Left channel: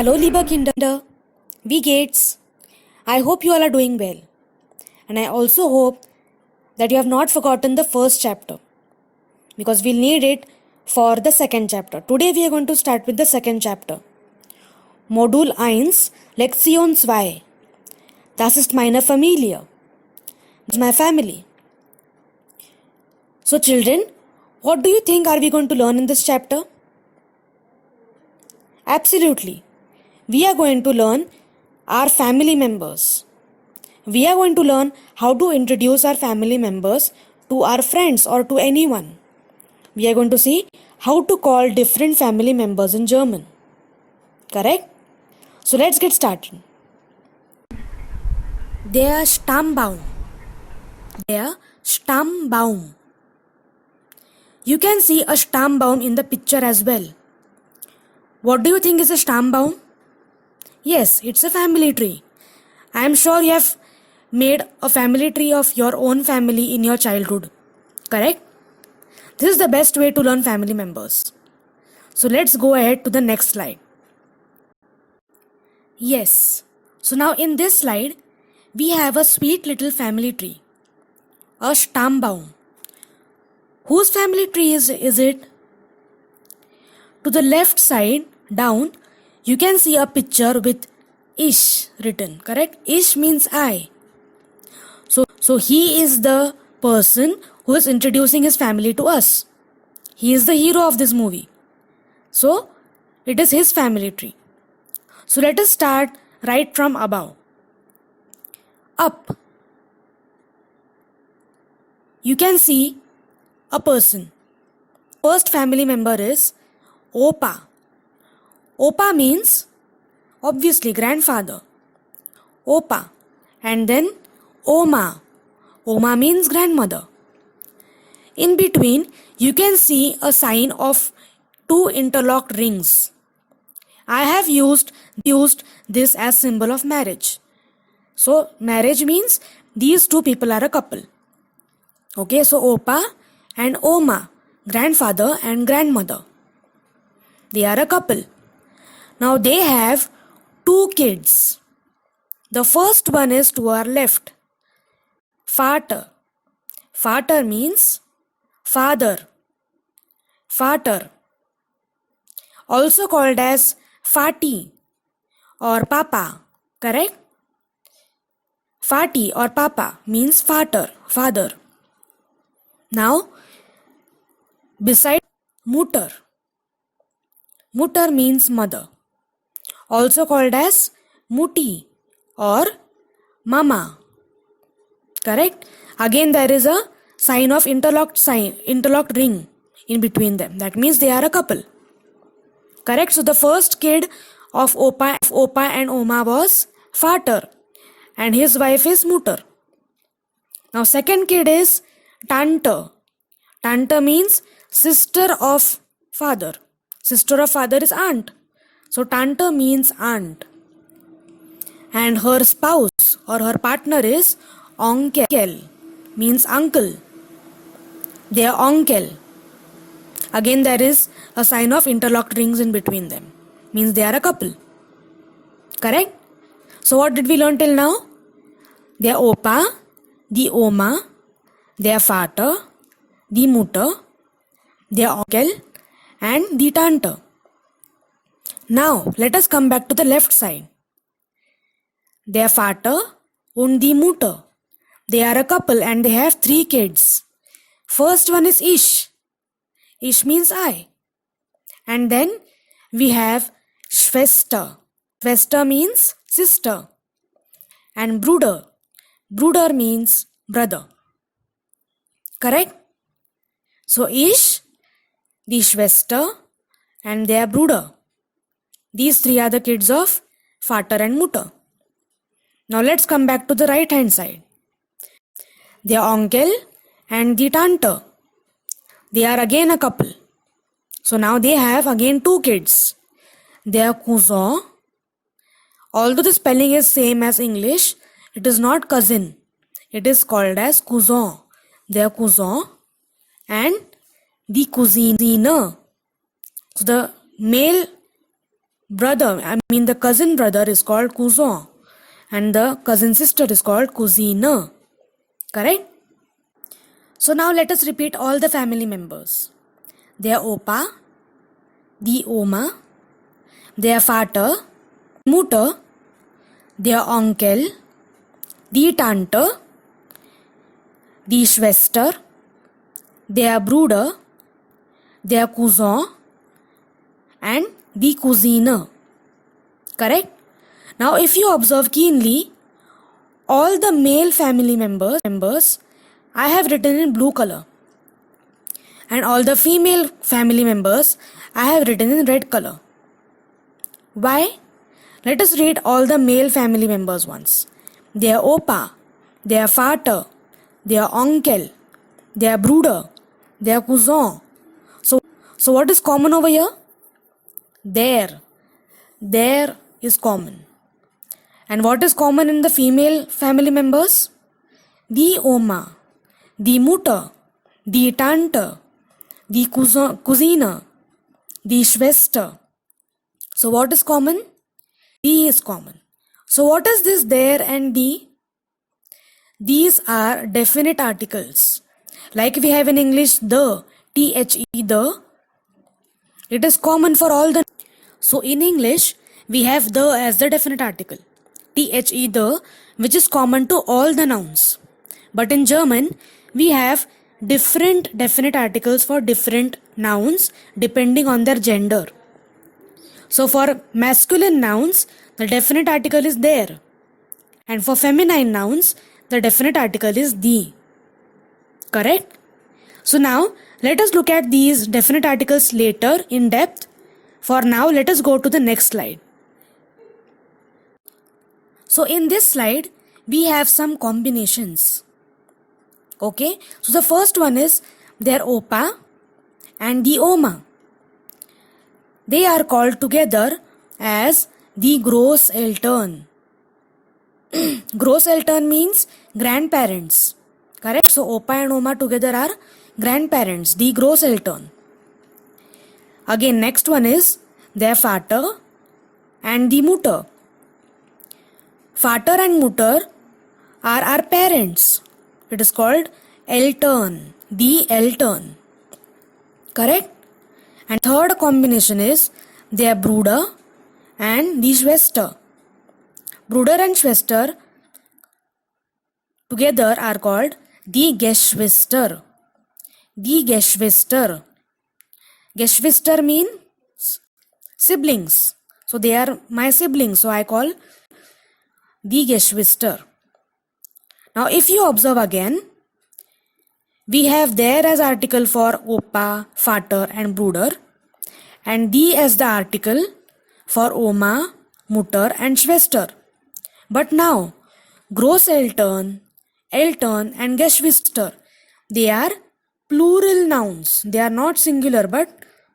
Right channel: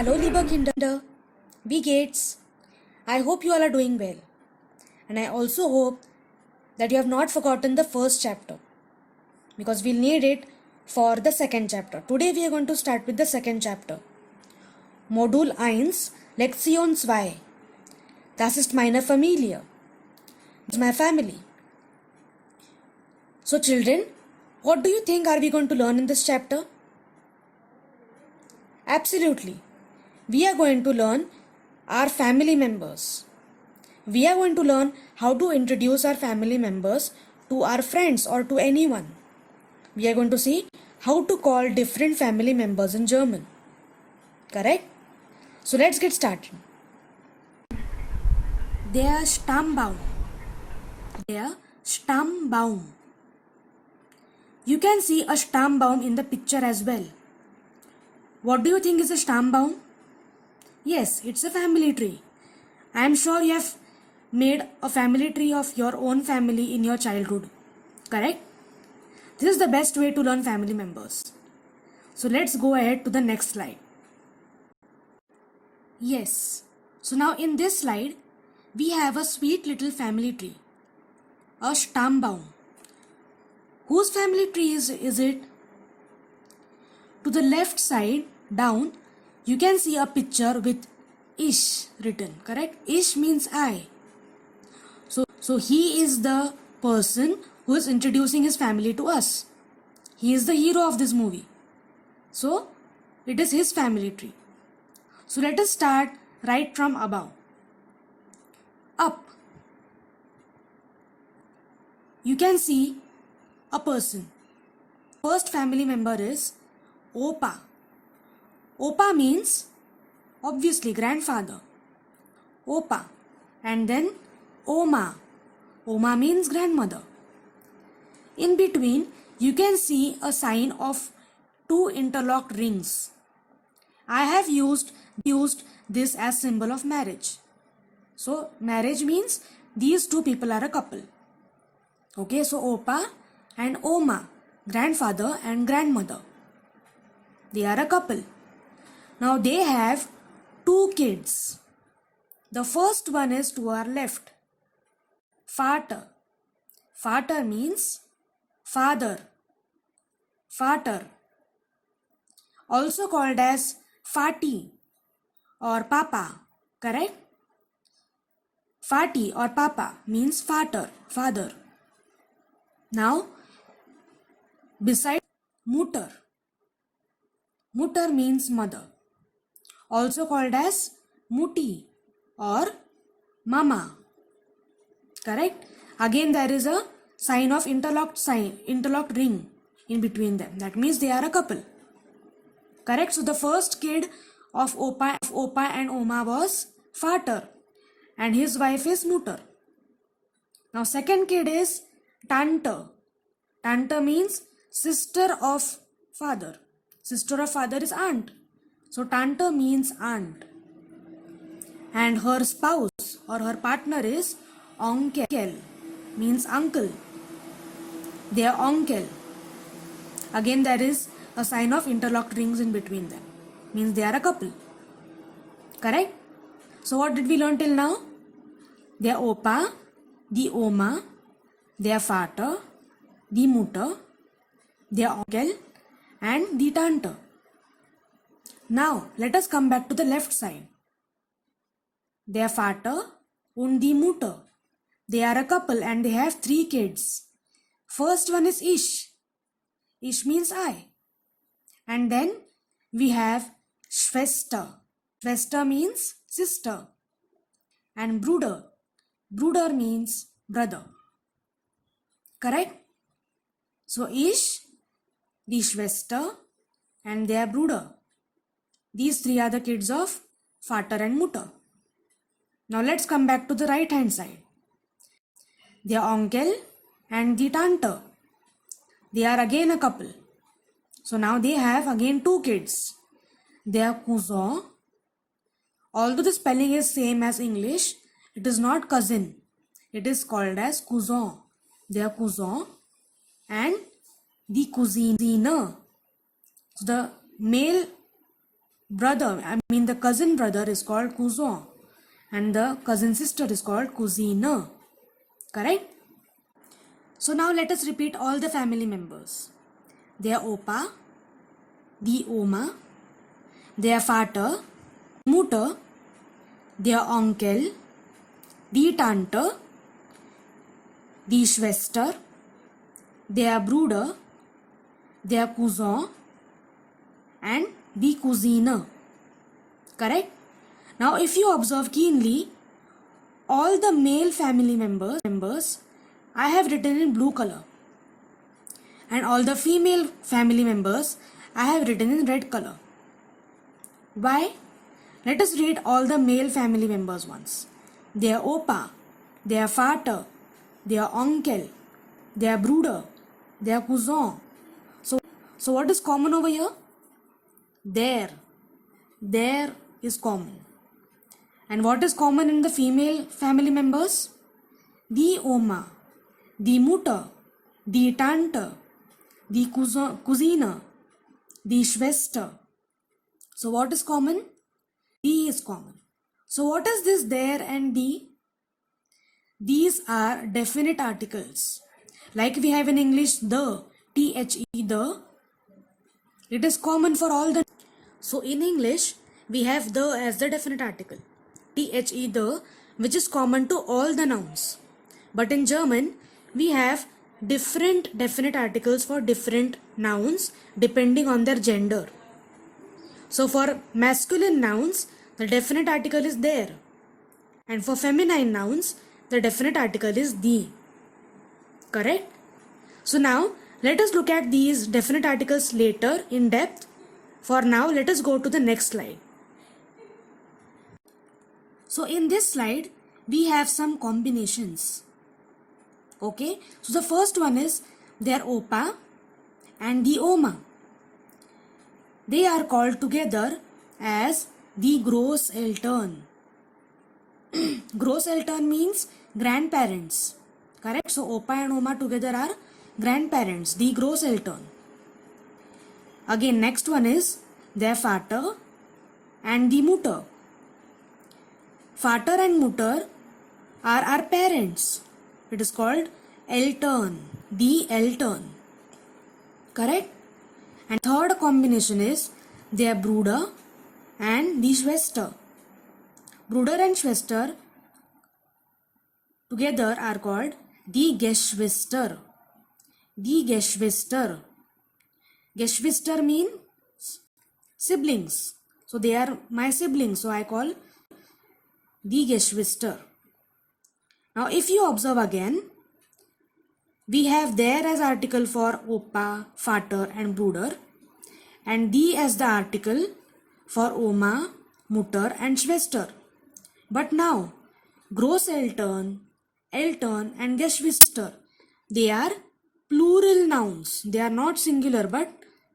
Hallo, lieber Kinder, wie geht's? I hope you all are doing well. And I also hope that you have not forgotten the first chapter because we'll need it for the second chapter. Today we are going to start with the second chapter. Modul 1, Lektion 2. Das ist meine Familie. This is my family. So children, what do you think are we going to learn in this chapter? Absolutely. We are going to learn our family members. We are going to learn how to introduce our family members to our friends or to anyone. We are going to see how to call different family members in German. Correct? So let's get started. Der Stammbaum. Der Stammbaum. You can see a Stammbaum in the picture as well. What do you think is a Stammbaum? Yes, it's a family tree. I am sure you have made a family tree of your own family in your childhood. Correct? This is the best way to learn family members. So let's go ahead to the next slide. Yes. So now in this slide, we have a sweet little family tree. A Stammbaum. Whose family tree is it? To the left side, down, you can see a picture with Ich written, correct? Ich means I. So he is the person who is introducing his family to us. He is the hero of this movie. So it is his family tree. So let us start right from above. Up. You can see a person. First family member is Opa. Opa means obviously grandfather. Opa. And then Oma. Oma means grandmother. In between, you can see a sign of two interlocked rings. I have used this as symbol of marriage. So marriage means these two people are a couple. Okay, so Opa and Oma, grandfather and grandmother. They are a couple. Now they have two kids. The first one is to our left. Vater. Vater means father. Vater. Also called as Fati or Papa. Correct? Fati or Papa means father. Now, beside Mutter. Mutter means mother. Also called as Mutti or Mama. Correct? Again there is a sign of interlocked ring in between them. That means they are a couple. Correct? So the first kid of Opa and Oma was Vater and his wife is Mutter. Now second kid is Tante. Tante means sister of father. Sister of father is aunt. So Tante means aunt. And her spouse or her partner is Onkel, means uncle. They are Onkel. Again there is a sign of interlocked rings in between them. Means they are a couple. Correct? So what did we learn till now? They are Opa, the Oma, they are Vater, the Mutter, they are Onkel and the Tante. Now let us come back to the left side. Their Vater und die Mutter. They are a couple and they have 3 kids. First one is Ich. Ich means I. And then we have Schwester. Schwester means sister. And Bruder. Bruder means brother. Correct? So Ich, die Schwester and their Bruder. These 3 are the kids of Vater and Mutter. Now let's come back to the right hand side. Their Onkel and the Tante. They are again a couple. So now they have again 2 kids. Their cousin. Although the spelling is same as English, it is not cousin. It is called as cousin. Their cousin and the cousine. So the male brother, I mean the cousin brother is called cousin, and the cousin sister is called cousine. Correct? So now let us repeat all the family members. Their Opa, die Oma, their Vater, Mutter, their Onkel, die Tante, die Schwester, their Bruder, their Cousin, and the Cousine. Correct? Now if you observe keenly, all the male family members I have written in blue color, and all the female family members I have written in red color. Why? Let us read all the male family members once. Their Opa, their Vater, their Onkel, their Bruder, their Cousin. So what is common over here? There is common. And what is common in the female family members? Die Oma, die Mutter, die Tante, die Cousine, die Schwester. So what is common? Die is common. So what is this there and die? These are definite articles. Like we have in English the, the, the. It is common for all the. So in English, we have the as the definite article. The, which is common to all the nouns. But in German, we have different definite articles for different nouns depending on their gender. So for masculine nouns, the definite article is there. And for feminine nouns, the definite article is die. Correct? So now, let us look at these definite articles later in depth. For now, let us go to the next slide. So in this slide, we have some combinations. Okay? So the first one is their Opa and the Oma. They are called together as the Großeltern. Großeltern means grandparents. Correct? So Opa and Oma together are grandparents, the Großeltern. Again, next one is their Vater and the Mutter. Vater and Mutter are our parents. It is called Eltern, the Eltern. Correct? And third combination is their Bruder and the Schwester. Bruder and Schwester together are called die Geschwister. Die Geschwister. Geschwister means siblings. So they are my siblings. So I call die Geschwister. Now if you observe again, we have there as article for Opa, Vater and Bruder, and die as the article for Oma, Mutter and Schwester. But now Großeltern, Eltern and Geschwister, they are plural nouns. They are not singular but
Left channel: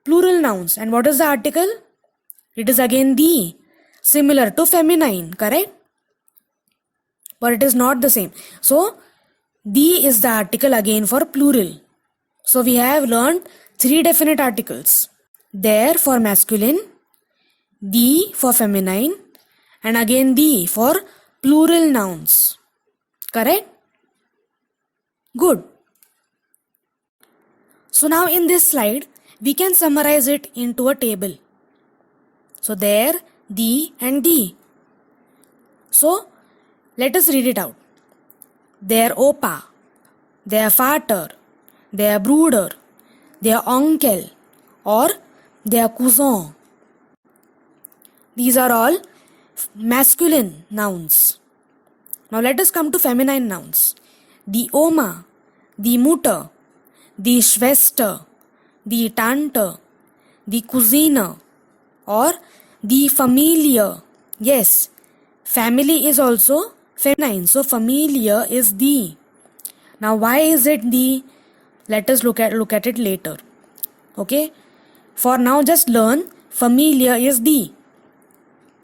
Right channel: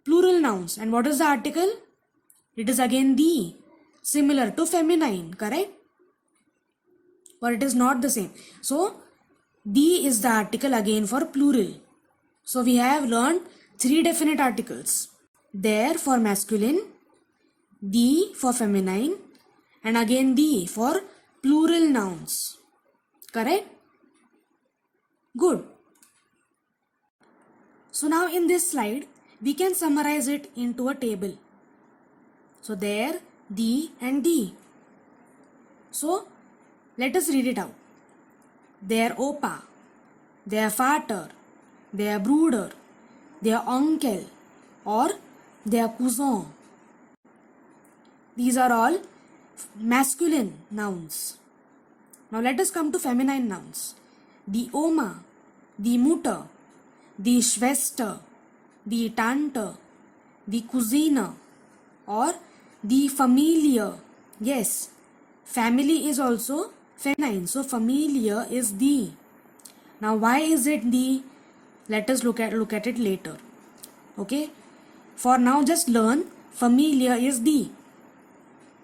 plural nouns. And what is the article? It is again die, similar to feminine, correct? But it is not the same. So die is the article again for plural. So we have learned three definite articles. There for masculine, die for feminine, and again die for plural nouns. Correct? Good. So now in this slide, we can summarize it into a table. So there, die and die. So let us read it out. Their Opa, their Vater, their Bruder, their Onkel or their Cousin. These are all masculine nouns. Now let us come to feminine nouns. Die Oma, die Mutter, die Schwester, die Tante, die Cousine or die Familie. Yes, family is also feminine. So Familie is die. Now why is it die? Let us look at it later. Okay? For now just learn Familie is die.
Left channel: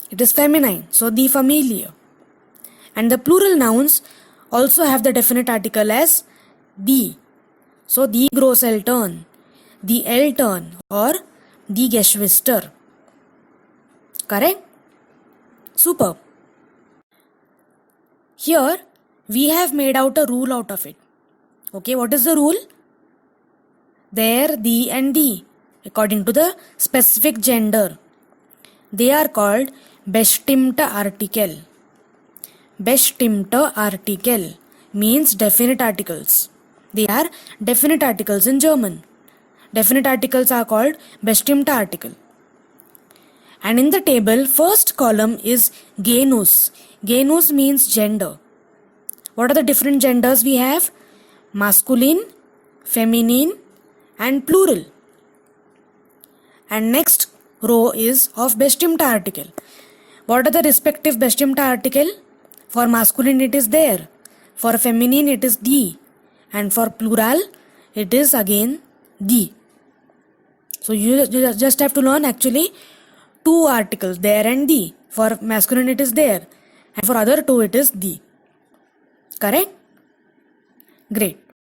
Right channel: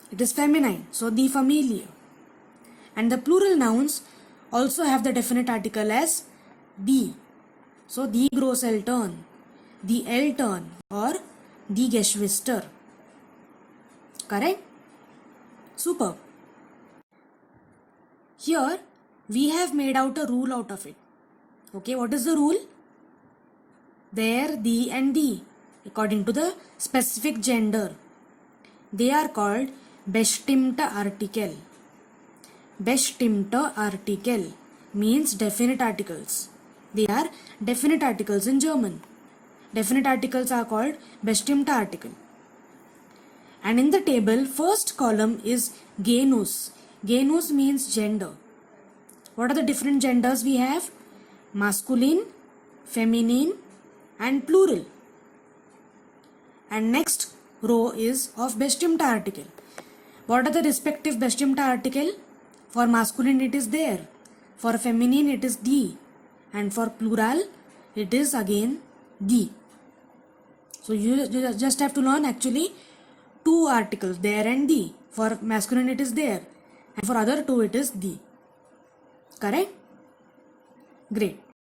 It is feminine. So die Familie. And the plural nouns also have the definite article as die. So die Großeltern, die Eltern or die Geschwister. Correct? Superb. Here we have made out a rule out of it. Okay, what is the rule? There, thee and thee, according to the specific gender, they are called bestimmte Artikel. Bestimmte Artikel means definite articles. They are definite articles in German. Definite articles are called bestimmte Artikel. And in the table, first column is Genus. Genus means gender. What are the different genders we have? Masculine, feminine, and plural. And next row is of bestimmte Artikel. What are the respective bestimmte Artikel? For masculine it is there. For feminine it is die. And for plural it is again die. So you just have to learn actually two articles, there and die. For masculine it is there. And for other two it is die. Correct? Great.